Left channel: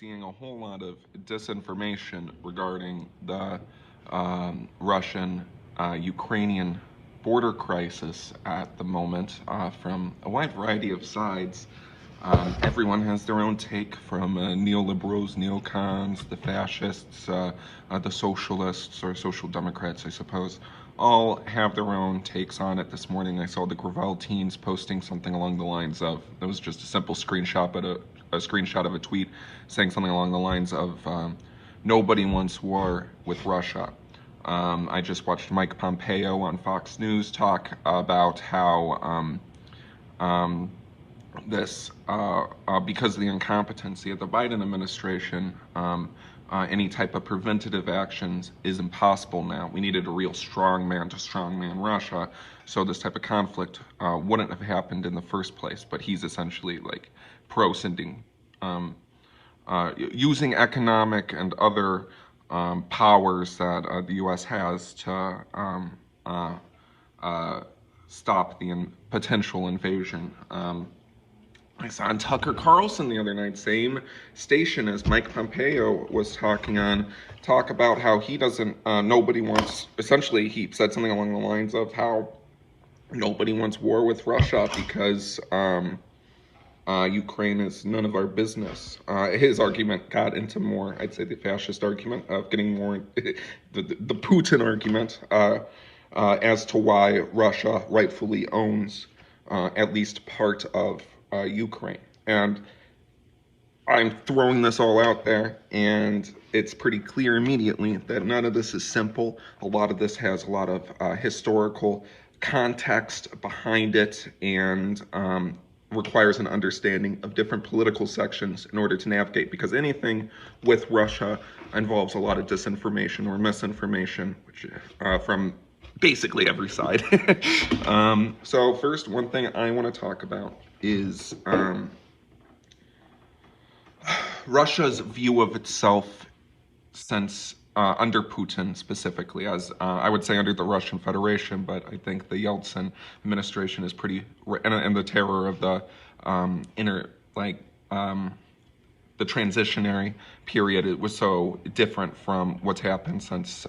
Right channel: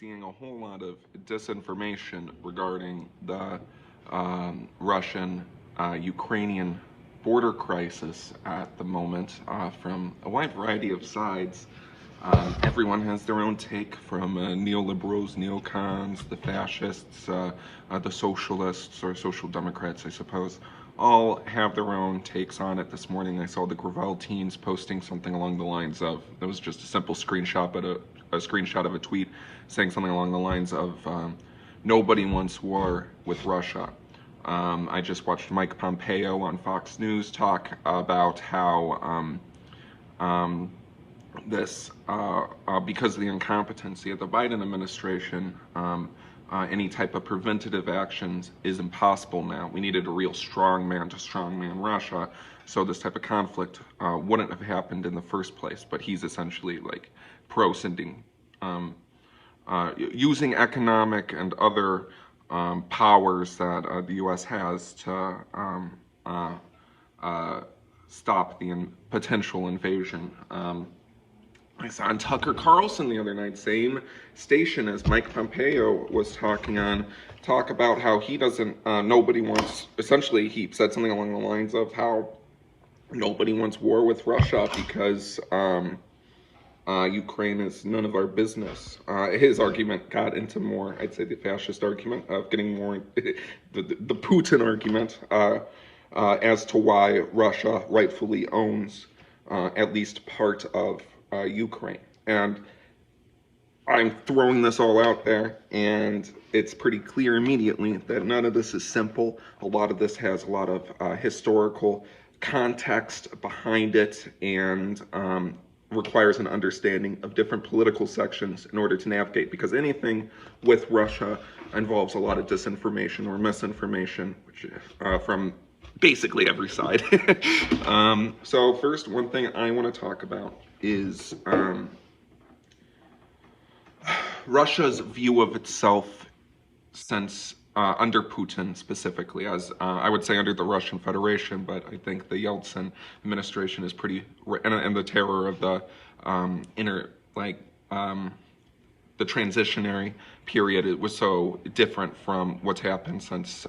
seeing a whole lot of disinformation regarding the Russian-Ukrainian border crisis at the moment from a wide variety of sides. Everyone has their own take, from neoliberals, neocons, the fascists, the socialists, or social democrats, I suppose. All have their own takes on it. This morning I saw the Gravel teens posting something along the lines of, it was just a simple screenshot, but a screenshot of a tweet saying something along the lines of, nobody wants war with Russia. I just watched Mike Pompeo on Fox News talk about how because of the incompetency of the Biden administration, any type of preventative actions is impossible now. We needed a real strongman to strongman Russia, so this type of conflict wouldn't have happened in the first place. But he's essentially like pro-sending, using economic and other powers that the U.S. has to stop the potential invasion. I saw on Tucker Carlson the other night, same station as Mike Pompeo was talking on, talk about how he doesn't, nobody wants, essentially he said something along the lines of how nobody wants war with Russia because Ukraine is none of our business. His argument got into more, I'd say the fascist argument of getting more, the Putin argument as to why Russia rightfully owns at least part of Ukraine. And I'm throwing this all out there, and it's pretty clear immediately that none of this is simple. A lot of this has a lot of historical context behind it, and requires an understanding of different political sections in order to navigate, because anything with Russia involves a lot of disinformation or misinformation, which from basically every side. So first, one thing I want to talk about is Russia's view of itself since under Putin specifically, as I would say under the Russian Federation, but I think the Yeltsin administration is pretty, and the terror of the the transitionary period, it was so different from what's happened since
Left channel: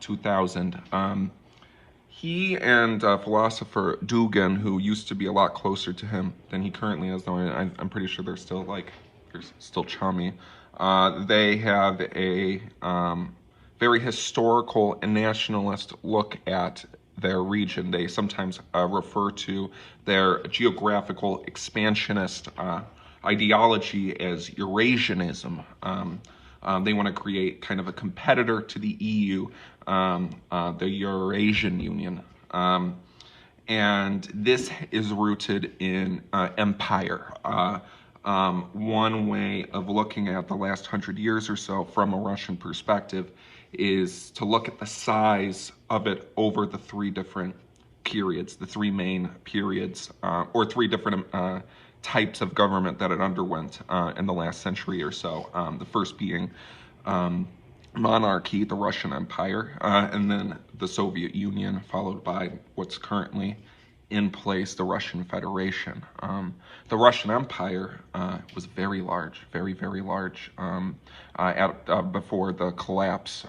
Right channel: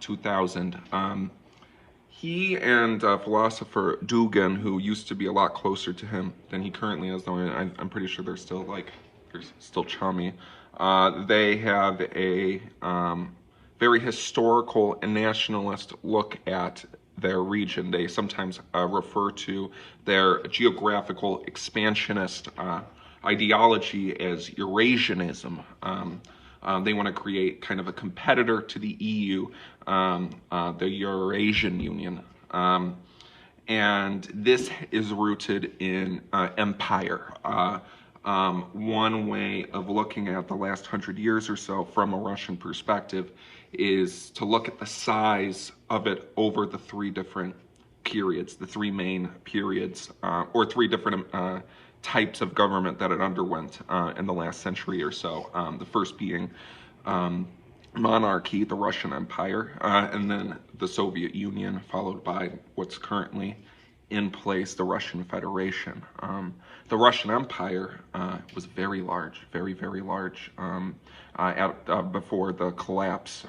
2000. He and philosopher Dugin, who used to be a lot closer to him than he currently is, though I'm pretty sure they're still chummy. They have a very historical and nationalist look at their region. They sometimes refer to their geographical expansionist ideology as Eurasianism. They want to create kind of a competitor to the EU, the Eurasian Union. And this is rooted in empire. One way of looking at the last 100 years or so from a Russian perspective is to look at the size of it over the three different periods, the three main periods, or three different types of government that it underwent in the last century or so. The first being monarchy, the Russian Empire, and then the Soviet Union, followed by what's currently in place, the Russian Federation. The Russian Empire was very large, very, very large before the collapse,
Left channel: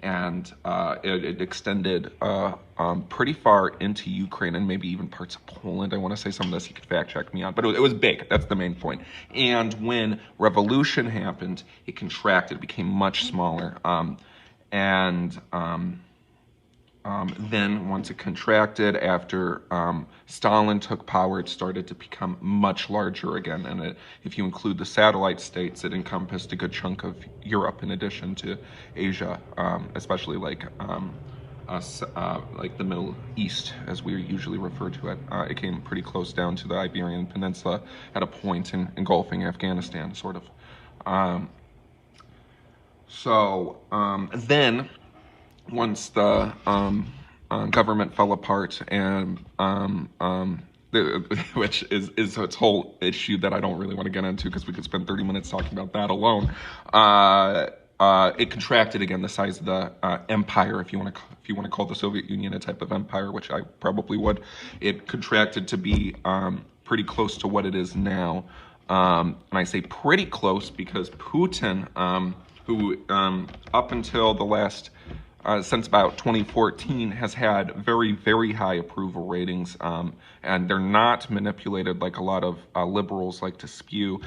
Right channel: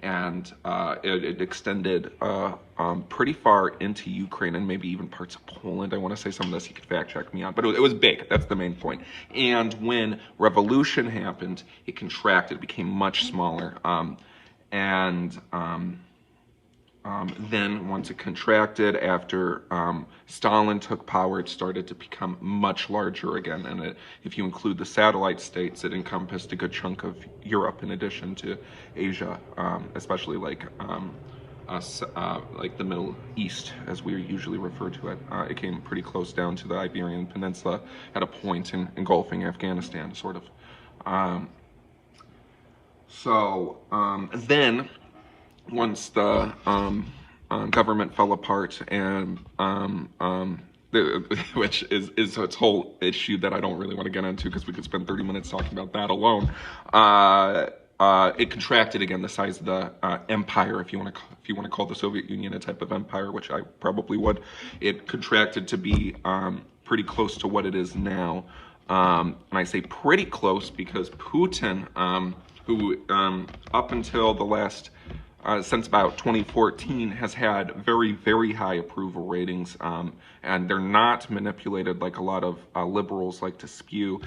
and it extended pretty far into Ukraine and maybe even parts of Poland. I want to say some of this, you could fact check me on, but it was big. That's the main point. And when revolution happened, it contracted, became much smaller, then once it contracted, after Stalin took power, it started to become much larger again. And if you include the satellite states, it encompassed a good chunk of Europe in addition to Asia, especially like the Middle East, as we usually refer to it. It came pretty close down to the Iberian Peninsula at a point engulfing Afghanistan, sort of. Then, once the government fell apart, and which is its whole issue that I don't really want to get into, because we could spend 30 minutes talking about that alone. It contracted again, the size of the empire, if you want to call the Soviet Union a type of empire, which I probably would. It contracted to be pretty close to what it is now. And I say pretty close because Putin, who up until the last since about 2014 has had very, very high approval ratings, and they're not manipulated like a lot of liberals like to spew.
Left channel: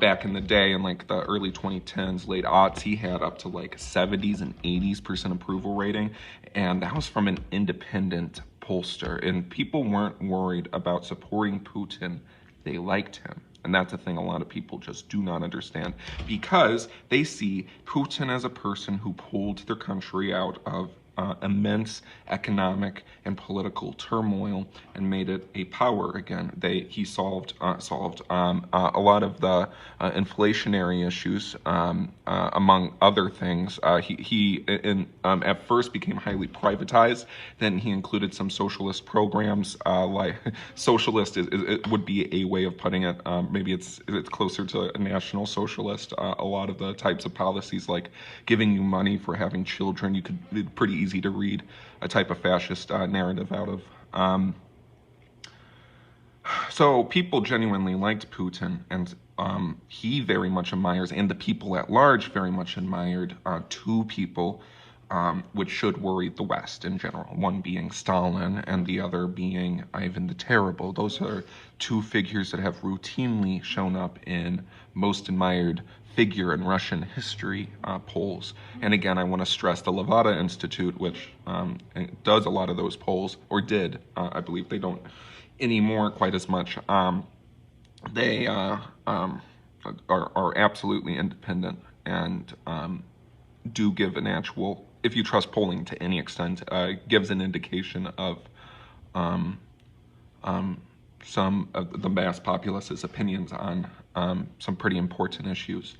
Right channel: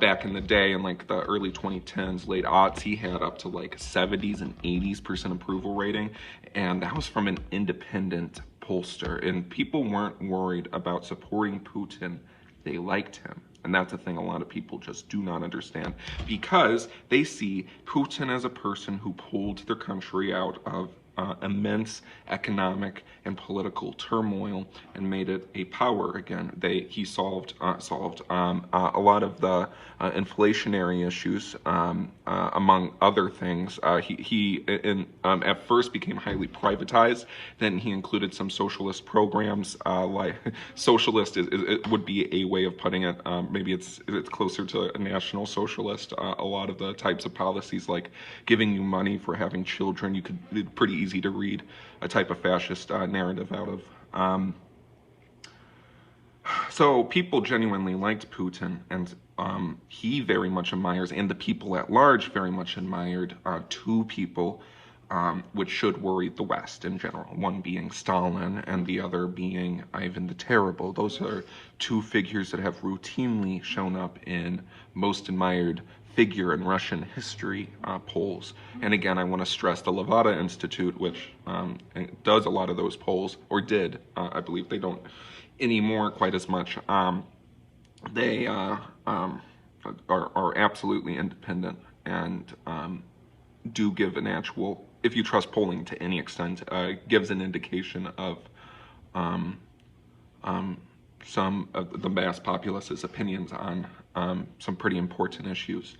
Back in the day, in like the early 2010s, late aughts, he had up to like 70s and 80s% approval rating, and that was from an independent pollster. And people weren't worried about supporting Putin; they liked him. And that's a thing a lot of people just do not understand, because they see Putin as a person who pulled their country out of immense economic and political turmoil and made it a power again. He solved a lot of the inflationary issues, among other things. He at first became highly privatized. Then he included some socialist programs. Like socialist it would be a way of putting it. Maybe it's closer to a national socialist. A lot of the types of policies, like giving you money for having children, it's pretty easy to read a type of fascist narrative out of. So people genuinely liked Putin, and he very much admires, and the people at large very much admired, two people which should worry the West in general. One being Stalin, and the other being Ivan the Terrible. Those are two figures that have routinely shown up in most admired figure in Russian history polls. And again, I want to stress the Levada Institute, which does a lot of those polls, or did. I believe they don't anymore quite as much. They are absolutely independent, and do give an actual, if you trust polling to any extent, gives an indication of some of the mass populace's opinions on some pretty important issues.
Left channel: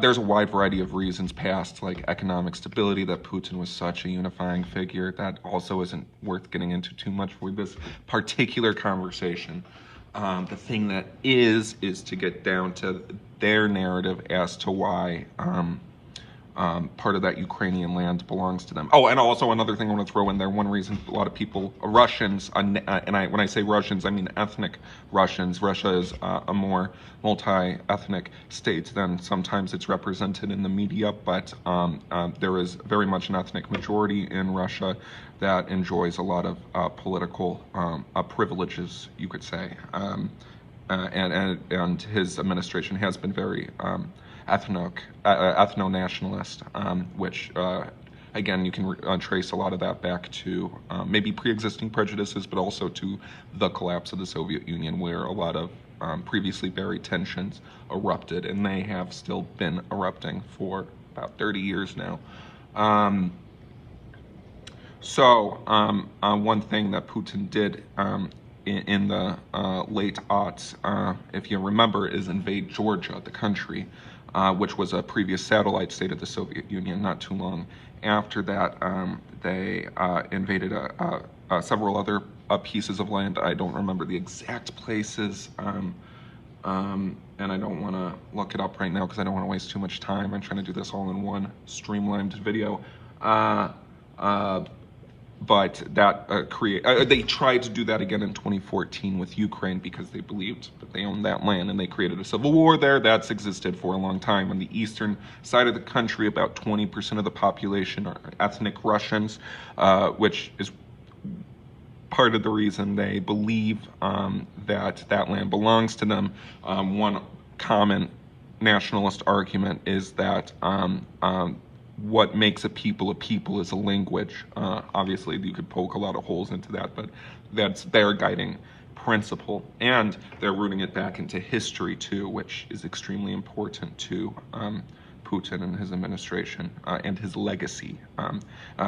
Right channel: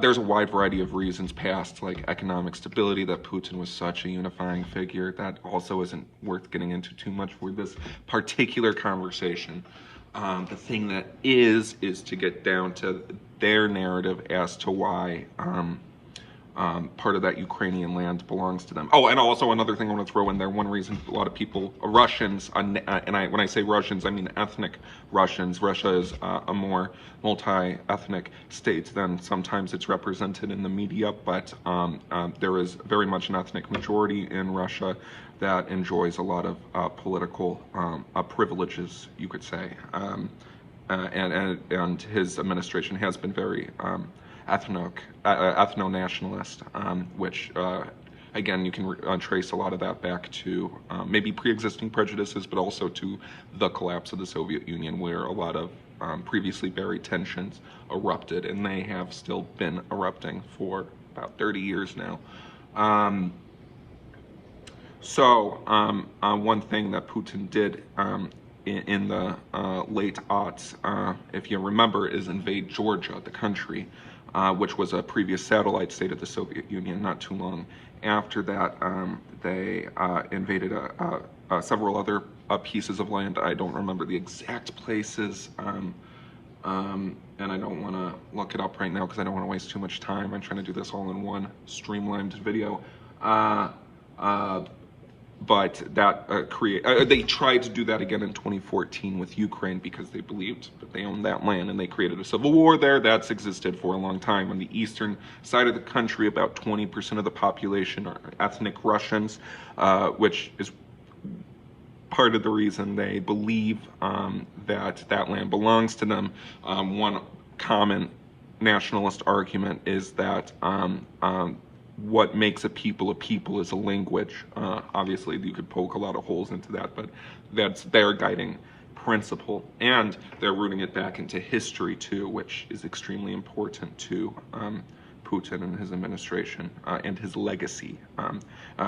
There's a wide variety of reasons past, like economic stability, that Putin was such a unifying figure. That also isn't worth getting into too much for this particular conversation. The thing that is to get down to their narrative as to why part of that Ukrainian land belongs to them. Oh, and also another thing I want to throw in there, one reason a lot of people, Russians, and when I say Russians, I mean ethnic Russians. Russia is a more multi-ethnic state than sometimes it's represented in the media, but there is very much an ethnic majority in Russia that enjoys a lot of political privileges, you could say. And his administration has been very ethno-nationalist, which again, you can trace a lot of that back to maybe pre-existing prejudices, but also to the collapse of the Soviet Union, where a lot of previously buried tensions erupted, and they have still been erupting for about 30 years now. One thing that Putin did in the late aughts, if you remember, is invade Georgia, the country, which was a previous satellite state of the Soviet Union. Not too long after that, they invaded several other pieces of land. I don't remember the exact places, and I don't want to look it up right now because I don't want to waste too much time. I'm trying to do this all in one streamlined video. But that they tried to do that again in 2014 with Ukraine, because they believed that they owned that land, and they created a civil war there that's existed for a long time. On the eastern side of the country, about 20% of the population are ethnic Russians, which is part of the reason they believe that land belongs to them. One common nationalist argument is that what makes a people is a language. Obviously, you could poke a lot of holes into that, but that's their guiding principle. And they're rooting it back into history, too, which is extremely important to Putin and his administration and his legacy.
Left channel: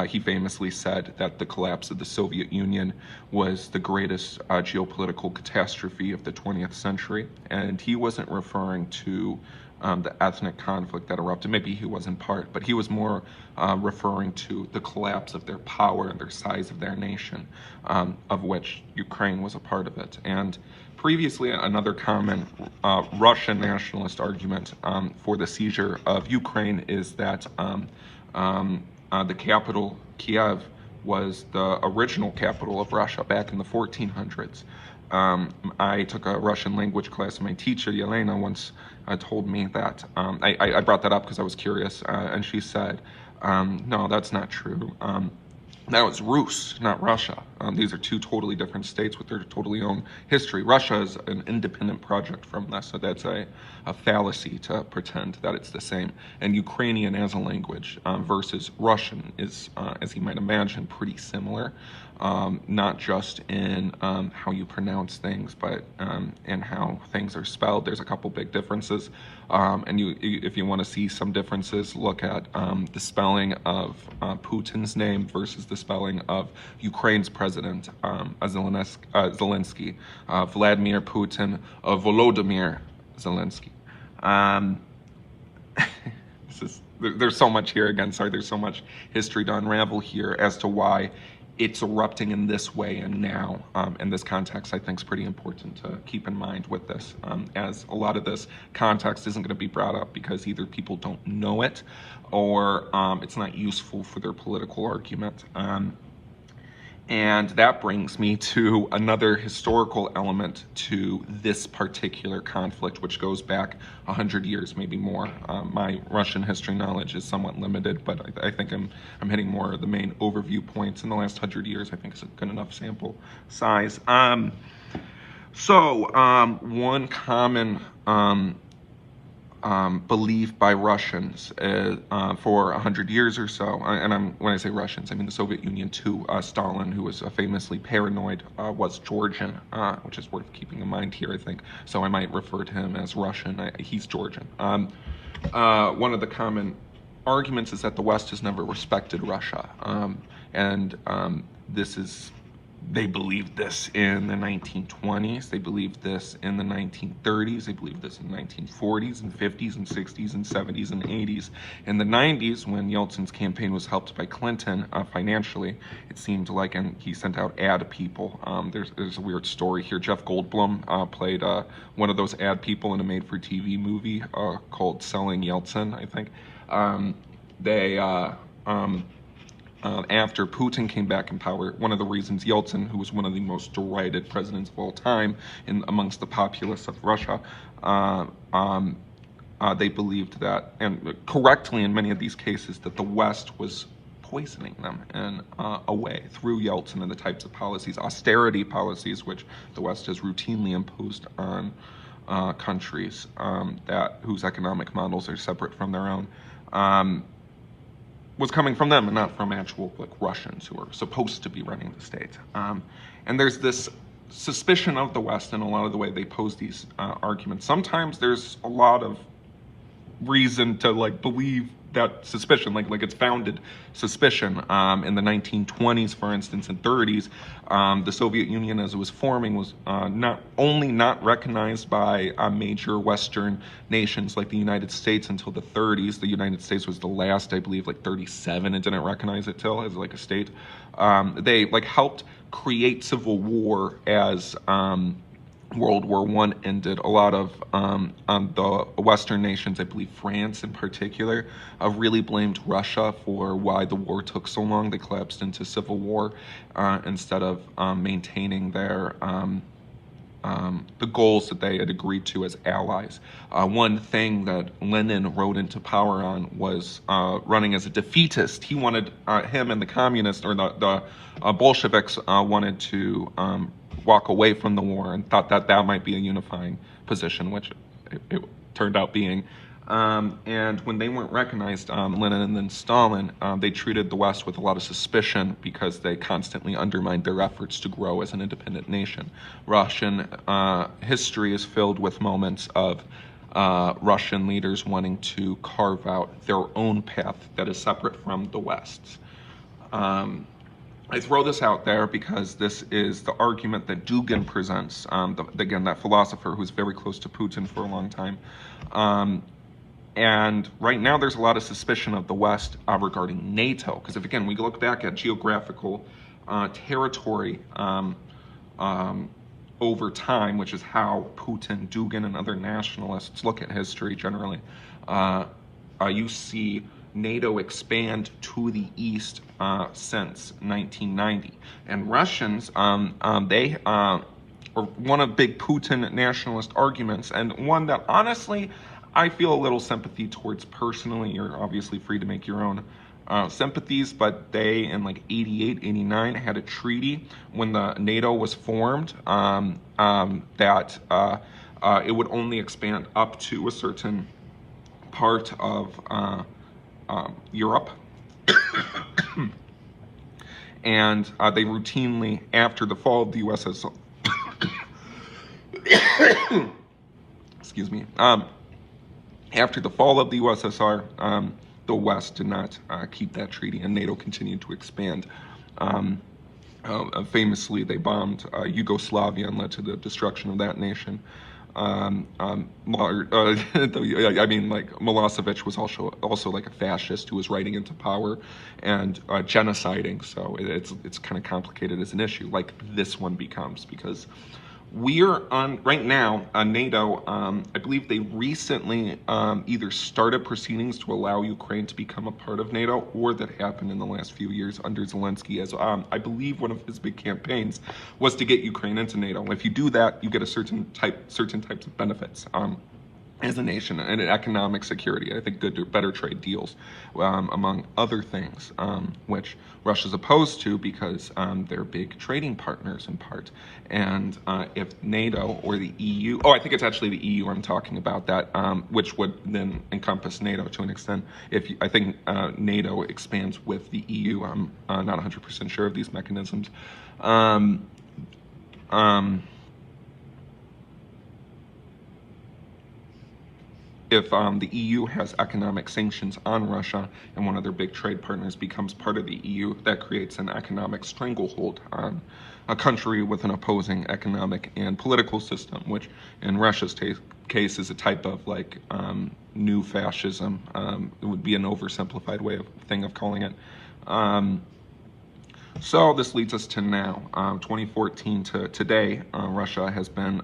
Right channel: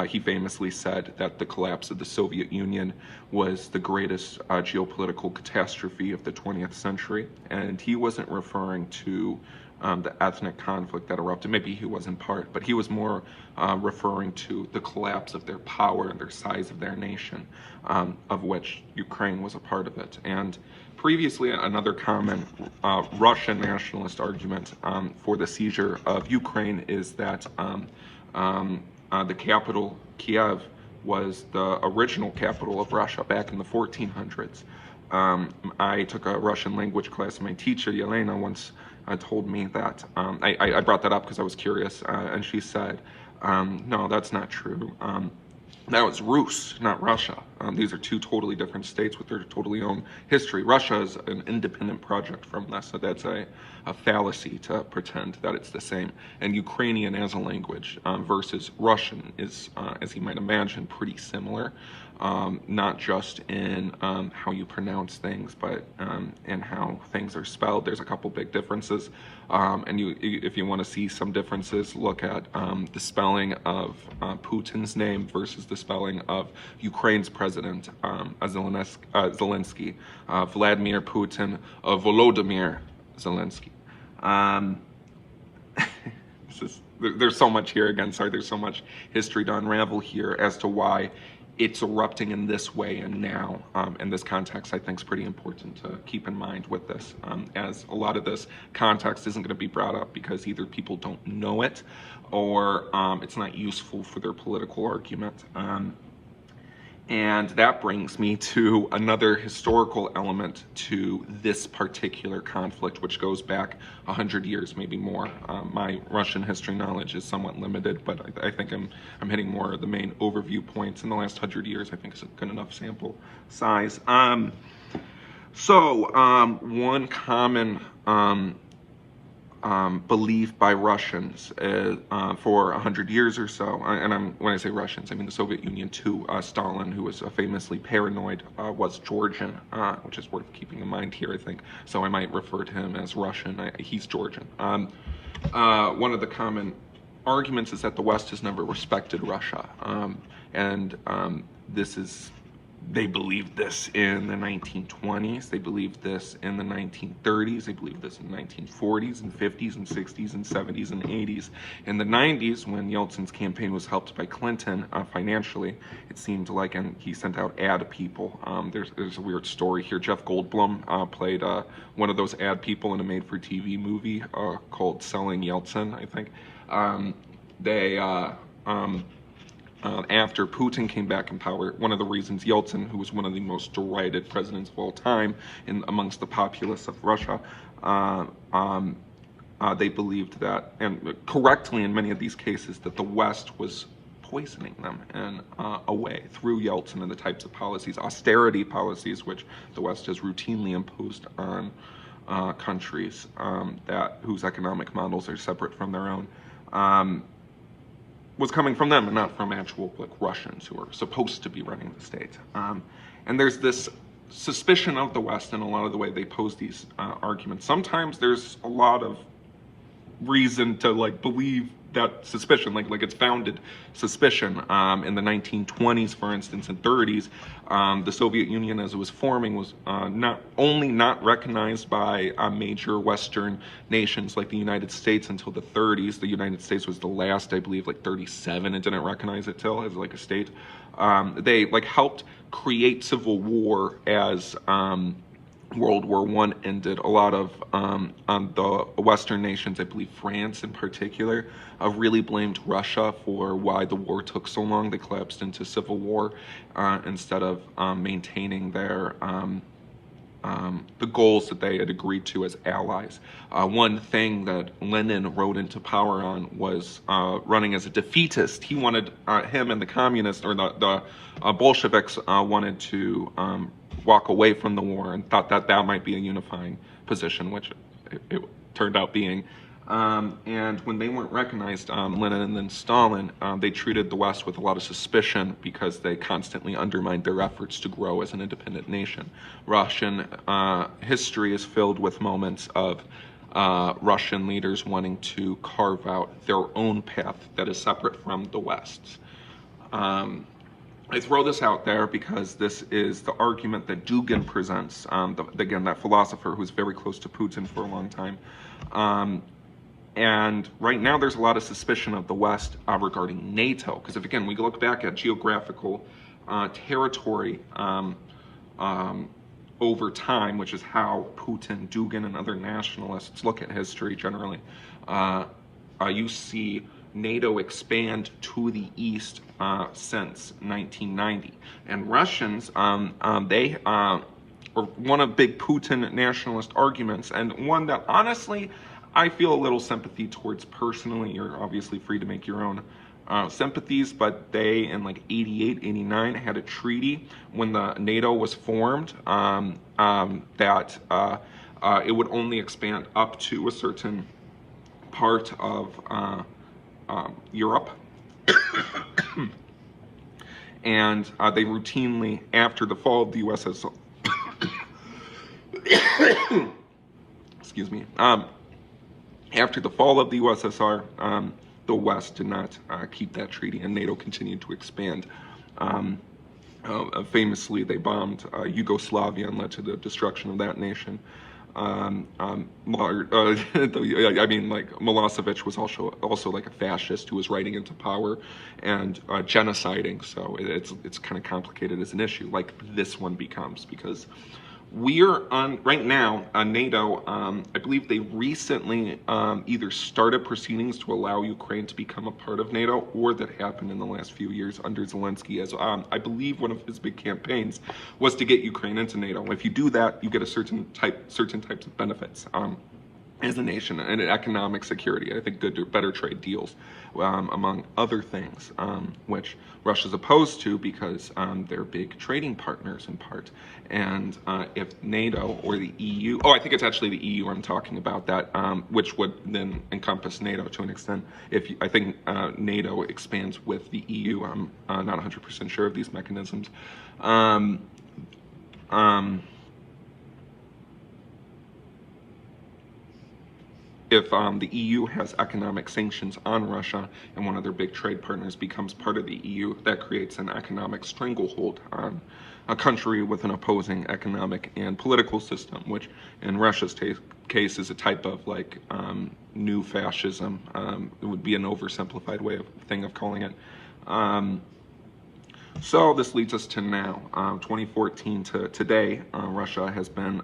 He famously said that the collapse of the Soviet Union was the greatest geopolitical catastrophe of the 20th century. And he wasn't referring to the ethnic conflict that erupted. Maybe he was in part, but he was more referring to the collapse of their power and their size of their nation, of which Ukraine was a part of it. And previously, another common Russian nationalist argument for the seizure of Ukraine is that the capital, Kiev, was the original capital of Russia back in the 1400s. I took a Russian language class, and my teacher, Yelena, once told me that, I brought that up because I was curious, and she said, no, that's not true. That was Rus, not Russia. These are two totally different states with their totally own history. Russia is an independent project from this, so that's a fallacy to pretend that it's the same. And Ukrainian as a language versus Russian is, as you might imagine, pretty similar, not just in how you pronounce things, but in how things are spelled. There's a couple big differences, and if you want to see some differences, look at the spelling of Putin's name versus the spelling of Ukraine's president, Zelensky, Vladimir Putin, Volodymyr Zelensky. There's so much here again. Sorry, there's so much history to unravel here as to why it's erupting in this way and now. In this context, I think is pretty important to keep in mind with this, as a lot of this context isn't going to be brought up because either people don't know it or it's not useful for their political argument. And that brings me to another historical element to this particular conflict, which goes back 100 years, maybe more. My Russian history knowledge is somewhat limited, but I think I'm hitting more of the main overview points in the last 100 years. I think it's a good enough sample size. One common belief by Russians for 100 years or so, and when I say Russians, I mean the Soviet Union too. Stalin, who was famously paranoid, was Georgian, which is worth keeping in mind here, I think. So I might refer to him as Russian. He's Georgian. One of the common arguments is that the West has never respected Russia, and they believed this in the 1920s, they believed this in the 1930s, they believed this in the 1940s and 50s and 60s and 70s and 80s. In the 90s, when Yeltsin's campaign was helped by Clinton financially, it seemed like, and he sent out ad people. There's a weird story here. Jeff Goldblum played one of those ad people in a made-for-TV movie called Selling Yeltsin, I think. After Putin came back in power, one of the reasons Yeltsin, who was one of the most derided presidents of all time amongst the populace of Russia, they believed that, and correctly in many of these cases, that the West was poisoning them in a way through Yeltsin and the types of policies, austerity policies, which the West has routinely imposed on countries whose economic models are separate from their own. Was coming from them and not from actual Russians who are supposed to be running the state. And there's this suspicion of the West in a lot of the way they pose these arguments. Sometimes there's a lot of reason to believe that suspicion, like it's founded suspicion. In the 1920s, for instance, and 30s, the Soviet Union as it was forming was not only not recognized by major Western nations like the United States until the 30s. The United States was the last, I believe, 37, and didn't recognize it till as a state. They helped create civil war as World War I ended. A lot of the Western nations, I believe France in particular, really blamed Russia for why the war took so long. They collapsed into civil war instead of maintaining their the goals that they had agreed to as allies. One thing that Lenin rode into power on was running as a defeatist. He wanted, him and the communists, or the Bolsheviks, wanted to walk away from the war and thought that that might be a unifying position, which it turned out being. And when they weren't recognized, Lenin and then Stalin, they treated the West with a lot of suspicion because they constantly undermined their efforts to grow as an independent nation. Russian history is filled with moments of Russian leaders wanting to carve out their own path that is separate from the West's. I throw this out there because this is the argument that Dugin presents, again, that philosopher who's very close to Putin for a long time. And right now there's a lot of suspicion of the West regarding NATO, because if, again, we look back at geographical territory over time, which is how Putin, Dugin, and other nationalists look at history generally, you see NATO expand to the east since 1990. And Russians, or one of big Putin nationalist arguments, and one that honestly I feel a little sympathy towards personally. You're obviously free to make your own sympathies, but they in like 88, 89 had a treaty when the NATO was formed that it would only expand up to a certain part of Europe. And they routinely, after the fall of the USSR, excuse me, after the fall of the USSR, the West did not keep that treaty, and NATO continued to expand. Famously, they bombed Yugoslavia and led to the destruction of that nation. I mean, like Milosevic was also like a fascist who was riding into power and genociding. So it's kind of complicated as an issue, like this one becomes, because we're on right now. NATO, I believe they recently either started proceedings to allow Ukraine to become a part of NATO, or that happened in the last few years under Zelensky. As I believe one of his big campaigns was to get Ukraine into NATO. If you do that, you get a certain types of benefits as a nation, and economic security. I think better trade deals, among other things, which Russia's opposed to because they're big trading partners in part. And if NATO or the EU, I think it's actually the EU I'm talking about, that which would then encompass NATO to an extent. I think NATO expands with the EU, I'm not 100% sure of these mechanisms. If the EU has economic sanctions on Russia and one of their big trade partners becomes part of the EU, that creates an economic stranglehold on a country with an opposing economic and political system, which in Russia's case is a type of like new fascism. It would be an oversimplified thing of calling it. So this leads us to now, 2014 to today. Russia has been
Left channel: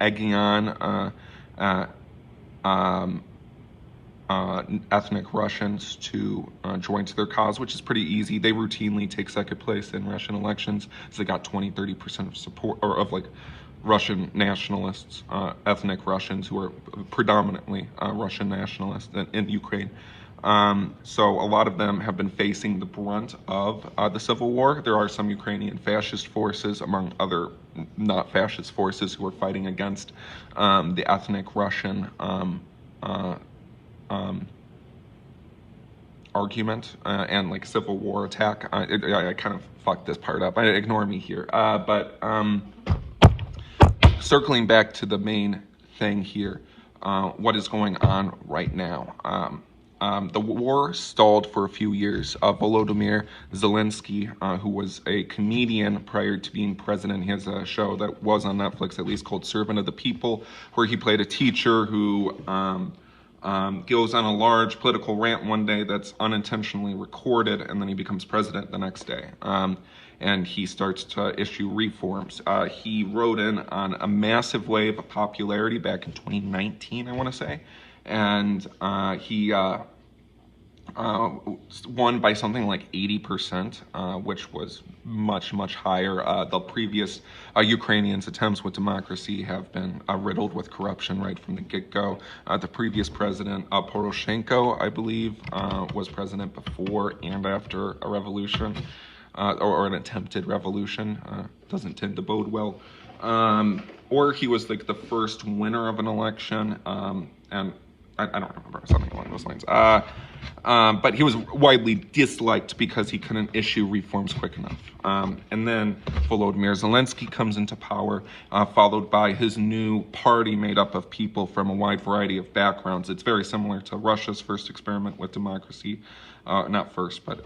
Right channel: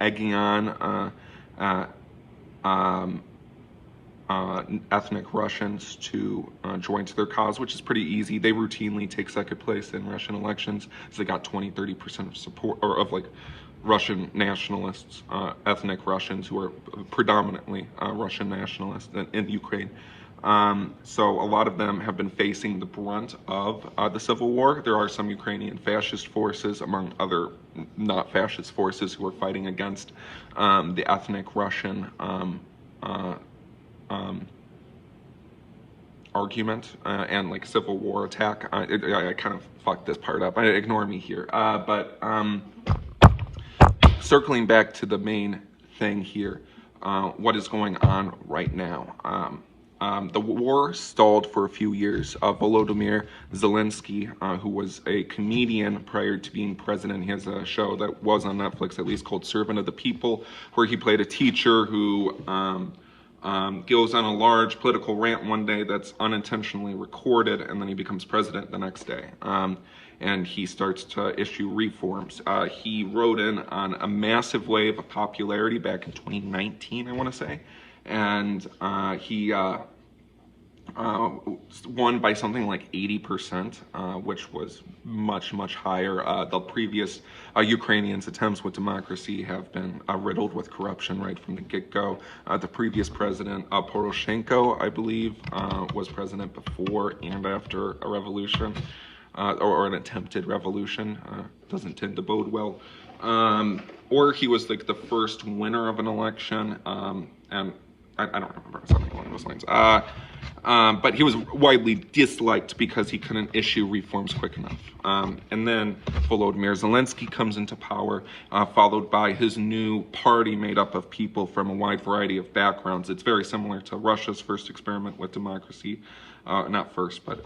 egging on ethnic Russians to join to their cause, which is pretty easy. They routinely take second place in Russian elections, so they got 20-30% of support, or of like Russian nationalists, ethnic Russians who are predominantly Russian nationalists in Ukraine. So a lot of them have been facing the brunt of the civil war. There are some Ukrainian fascist forces, among other not fascist forces, who are fighting against the ethnic Russian argument and like civil war attack. I kind of fucked this part up. Ignore me here. But circling back to the main thing here, what is going on right now? The war stalled for a few years. Volodymyr Zelensky, who was a comedian prior to being president, he has a show that was on Netflix at least called Servant of the People, where he played a teacher who goes on a large political rant one day that's unintentionally recorded, and then he becomes president the next day. And he starts to issue reforms. He rode in on a massive wave of popularity back in 2019, I want to say. And he won by something like 80%, which was much, much higher. The previous Ukrainians' attempts with democracy have been riddled with corruption right from the get-go. The previous president, Poroshenko, I believe, was president before and after a revolution, or an attempted revolution. Doesn't tend to bode well. Or he was like the first winner of an election, and I don't remember, something along those lines. But he was widely disliked because he couldn't issue reforms quick enough. And then Volodymyr Zelensky comes into power, followed by his new party made up of people from a wide variety of backgrounds. It's very similar to Russia's first experiment with democracy. Not first, but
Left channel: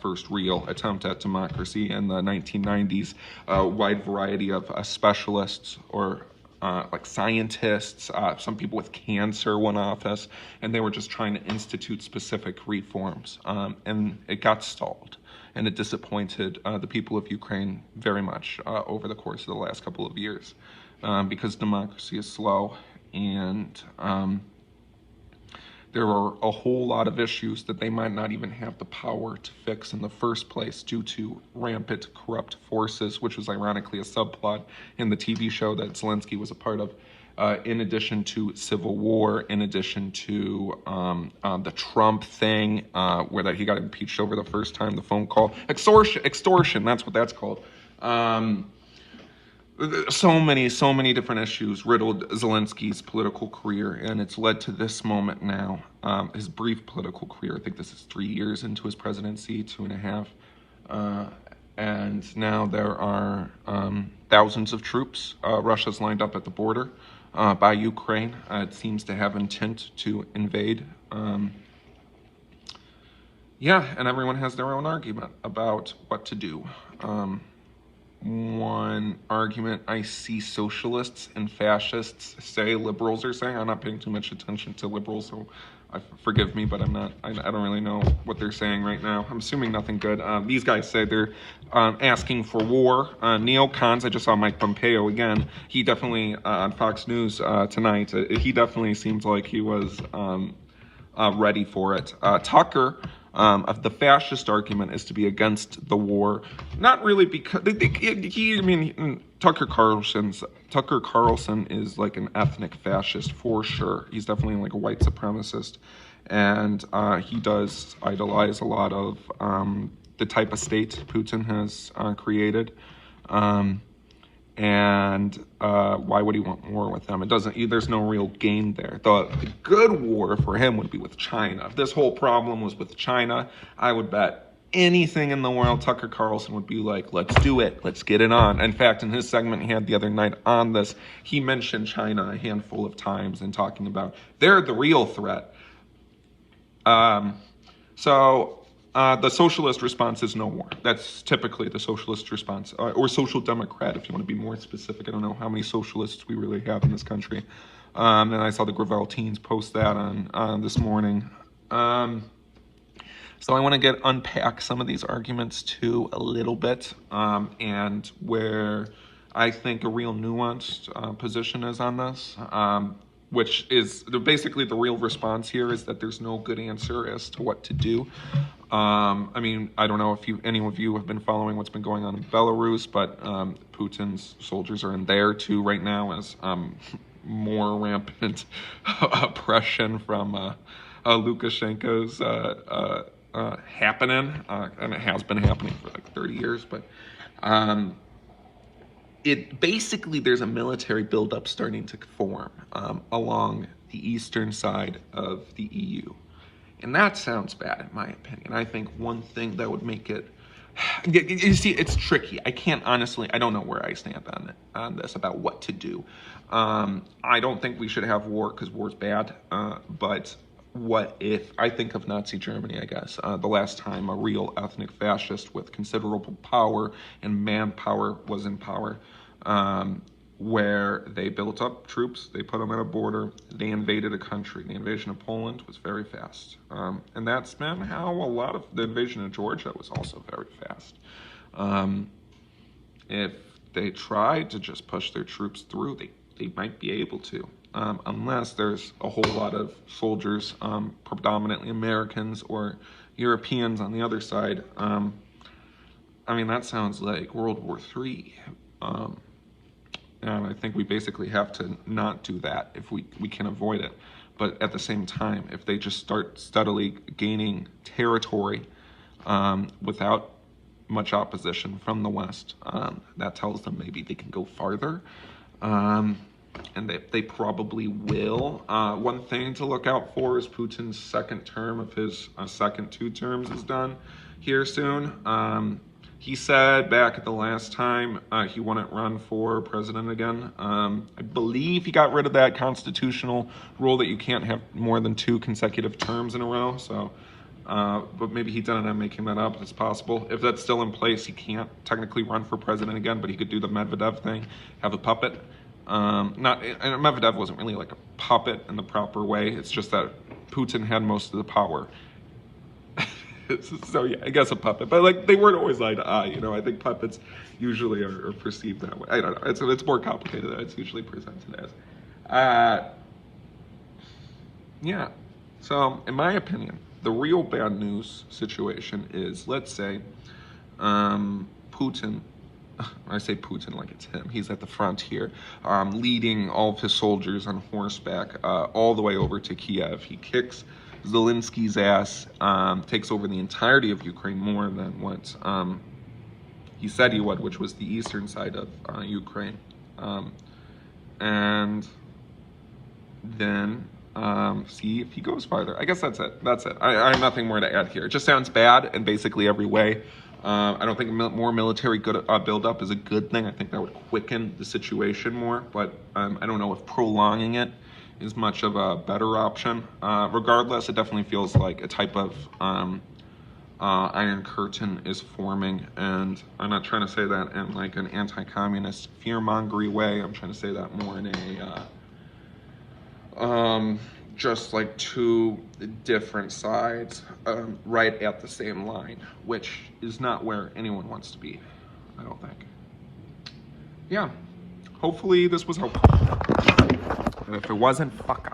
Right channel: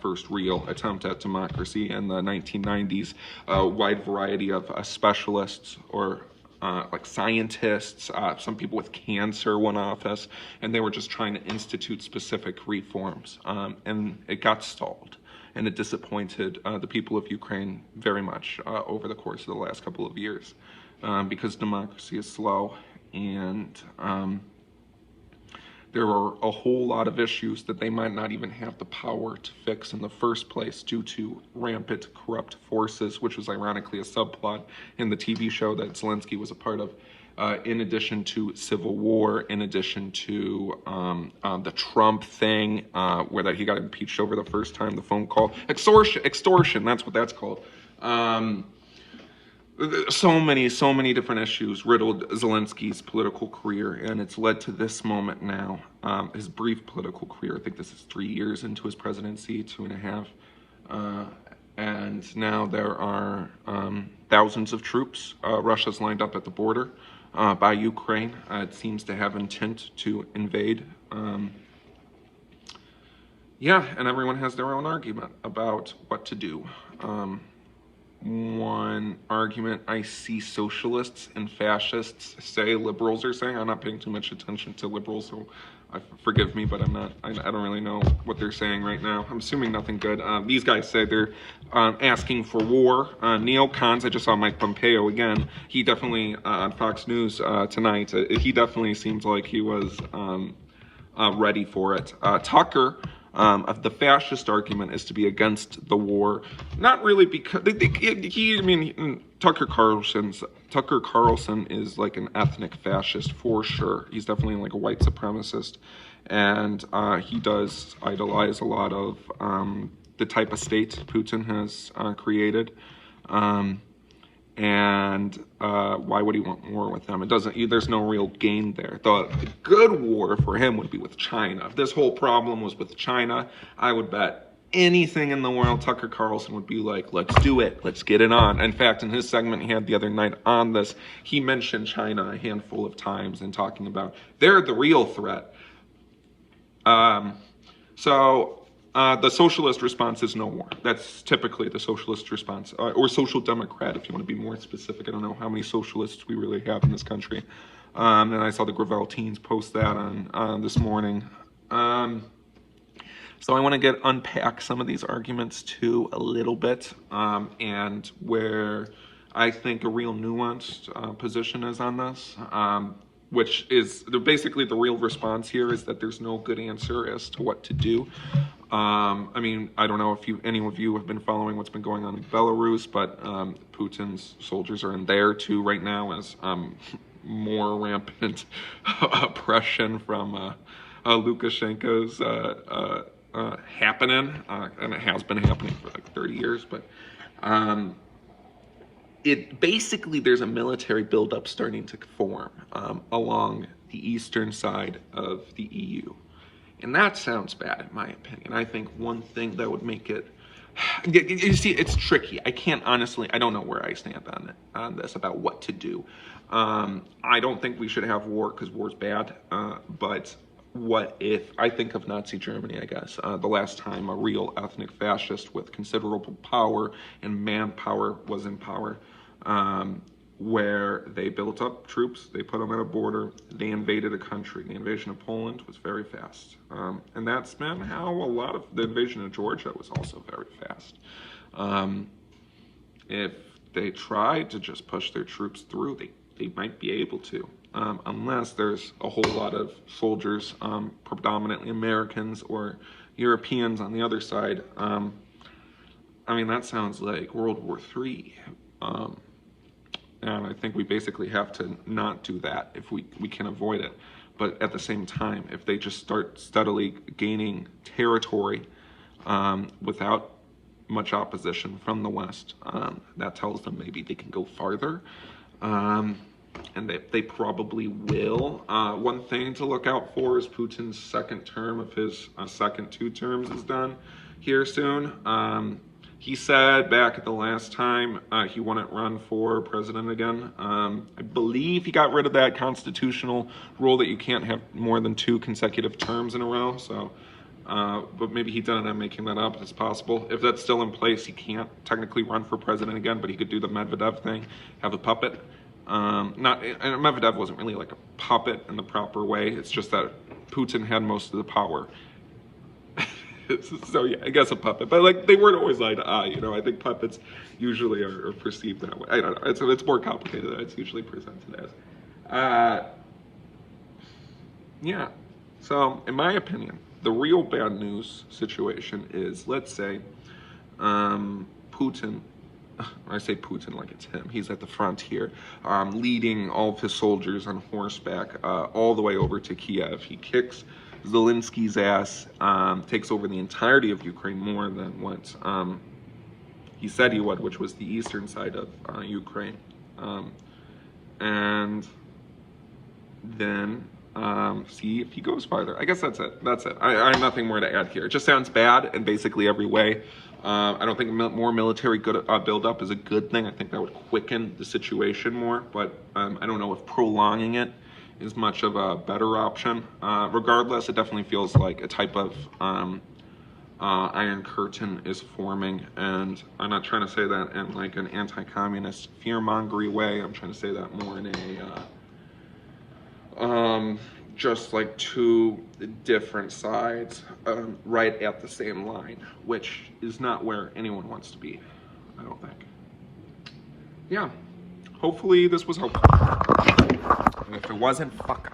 first real attempt at democracy in the 1990s. A wide variety of specialists, or like scientists, some people with cancer won office, and they were just trying to institute specific reforms. And it got stalled, and it disappointed the people of Ukraine very much over the course of the last couple of years, because democracy is slow, and there are a whole lot of issues that they might not even have the power to fix in the first place due to rampant corrupt forces, which was ironically a subplot in the TV show that Zelensky was a part of. In addition to civil war, in addition to the Trump thing, where that he got impeached over the first time, the phone call, extortion, that's what that's called. So many different issues riddled Zelensky's political career, and it's led to this moment now, his brief political career. I think this is 3 years into his presidency, 2.5. And now there are thousands of troops. Russia's lined up at the border by Ukraine. It seems to have intent to invade. Yeah, and everyone has their own argument about what to do. One argument I see socialists and fascists say, liberals are saying, I'm not paying too much attention to liberals, so forgive me, but I don't really know what they're saying right now. I'm assuming nothing good. These guys say they're asking for war. Neocons, I just saw Mike Pompeo again. He definitely, on Fox News tonight, he definitely seems like he was ready for it. Tucker, of the fascist argument is to be against the war, not really because Tucker Carlson is like an ethnic fascist for sure. He's definitely like a white supremacist, and he does idolize a lot of the type of state Putin has created. And why would he want war with them? It doesn't. There's no real gain there. The good war for him would be with China. If this whole problem was with China, I would bet anything in the world Tucker Carlson would be like, let's do it. Let's get it on. In fact, in his segment he had the other night on this, he mentioned China a handful of times and talking about they're the real threat. The socialist response is no war. That's typically the socialist response, or social democrat, if you want to be more specific. I don't know how many socialists we really have in this country. And I saw the Gravel teens post that on this morning. So I want to unpack some of these arguments too a little bit, and where I think a real nuanced position is on this. Which is basically the real response here is that there's no good answer as to what to do. I mean, I don't know if any of you have been following what's been going on in Belarus, but Putin's soldiers are in there too right now as more rampant oppression from Lukashenko's happening, and it has been happening for like 30 years, but basically there's a military buildup starting to form along the eastern side of the EU. And that sounds bad in my opinion. I think one thing that would make it, you see, it's tricky. I don't know where I stand on this about what to do. I don't think we should have war because war's bad, but what if, I think of Nazi Germany, I guess, the last time a real ethnic fascist with considerable power and manpower was in power, where they built up troops, they put them at a border, they invaded a country. The invasion of Poland was very fast. And that's been how a lot of the invasion of Georgia was also very fast. If they tried to just push their troops through, they might be able to. Unless there's a whole lot of soldiers, predominantly Americans or Europeans on the other side. I mean, that sounds like World War III. And I think we basically have to not do that if we can avoid it. But at the same time, if they just start steadily gaining territory without much opposition from the West, that tells them maybe they can go farther. And they probably will. One thing to look out for is Putin's second term of his second 2 terms is done here soon. He said back at the last time he wouldn't run for president again. I believe he got rid of that constitutional rule that you can't have more than 2 consecutive terms in a row. So, but maybe he didn't. I'm making that up. It's possible. If that's still in place, he can't technically run for president again, but he could do the Medvedev thing, have a puppet. And Medvedev wasn't really like a puppet in the proper way. It's just that Putin had most of the power. So yeah, I guess a puppet, but like they weren't always eye to eye. You know, I think puppets usually are perceived that way. I don't know. It's more complicated than it's usually presented as. Yeah. So, in my opinion, the real bad news situation is, let's say, Putin, I say Putin like it's him, he's at the front here, leading all of his soldiers on horseback all the way over to Kiev. He kicks Zelensky's ass, takes over the entirety of Ukraine, more than what he said he would, which was the eastern side of Ukraine. And then see if he goes farther. I guess that's it. I have nothing more to add here. It just sounds bad in basically every way. I don't think more military buildup is a good thing. I think that would quicken the situation more, but I don't know if prolonging it is much of a better option. Regardless, it definitely feels like a type of Iron Curtain is forming, and I'm not trying to say that in like an anti-communist fear-mongery way. I'm trying to say that more in a just like two different sides right at the same line, which is not where anyone wants to be, I don't think. Yeah, hopefully this was helpful. And if it wasn't, fuck off.